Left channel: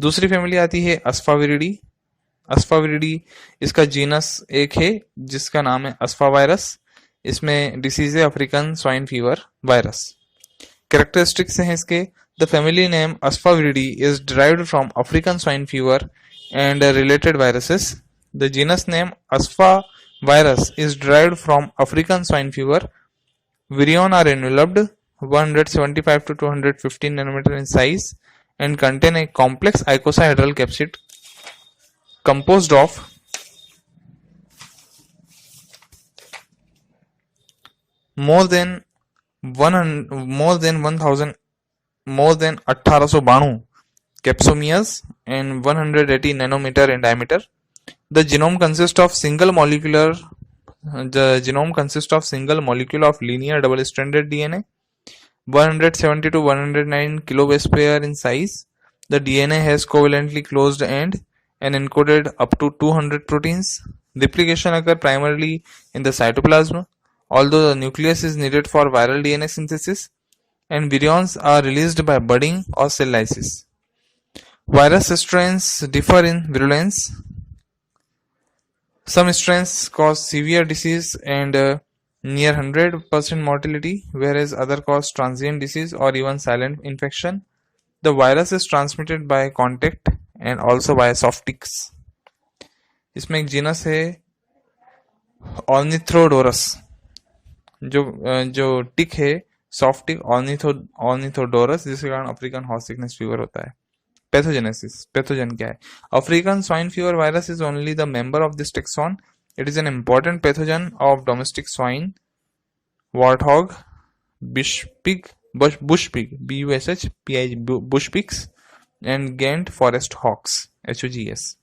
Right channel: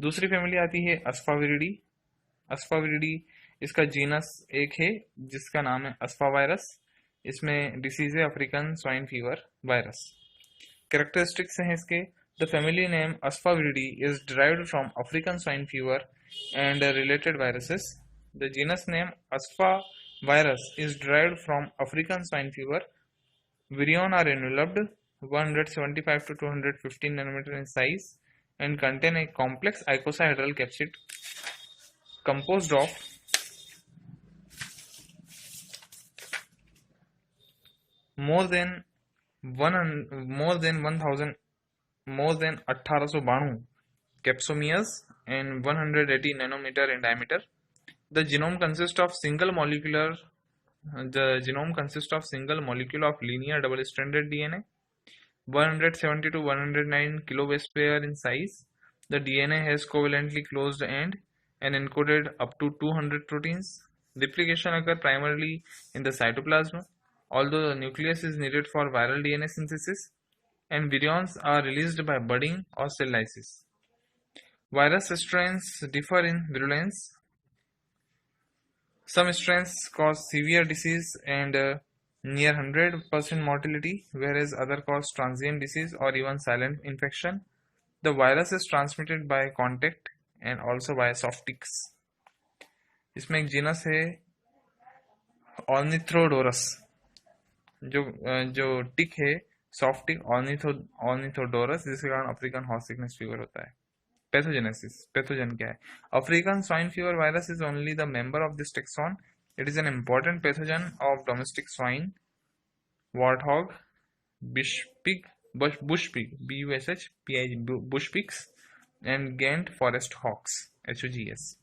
दूसरी फैमिली आती है अस्फाविरिडी। अस्फाविरिडी इसका जीनस एक है जिसका नाम है अस्फावायरस। इसमें डिसीज है African swine fever virus. Characteristics हैं इसके, the family name Asfarviridae is derived from African swine fever and related viruses. The genus name Asfivirus is derived from African swine fever. Virion are enveloped 175 to 215 nanometer in size and contain a complex icosahedral capsid composed of more than 1892 capsomeres and 180 nanometer in diameter. The genome consists of single molecule of linear double-stranded DNA, 170 to 109 kilobase pair in size. The DNA has covalently closed end and encoded up to 200 proteins. Replication occurs primarily in the cytoplasm, although the nucleus is needed for viral DNA synthesis, and virions are released by budding or cell lysis. Virus strains differ in virulence. Some strains cause severe disease and near 100% mortality, whereas others cause transient disease or even silent infection. The virus is transmitted by contact and also by soft ticks. इसमें एक genus है ऑर्निथ्रोडोरस, जो टिक है soft टिक ऑर्निथोडोरस, जिसके कारण African horse sickness fever होता है। Pathogenesis, pathogen क्या है? African swine fever virus is only the member of this tax on. It is an important pathogen of domestic swine, warthog, bush pig, bushpig, bush pigs, and Ghent forest hawks, HOGS.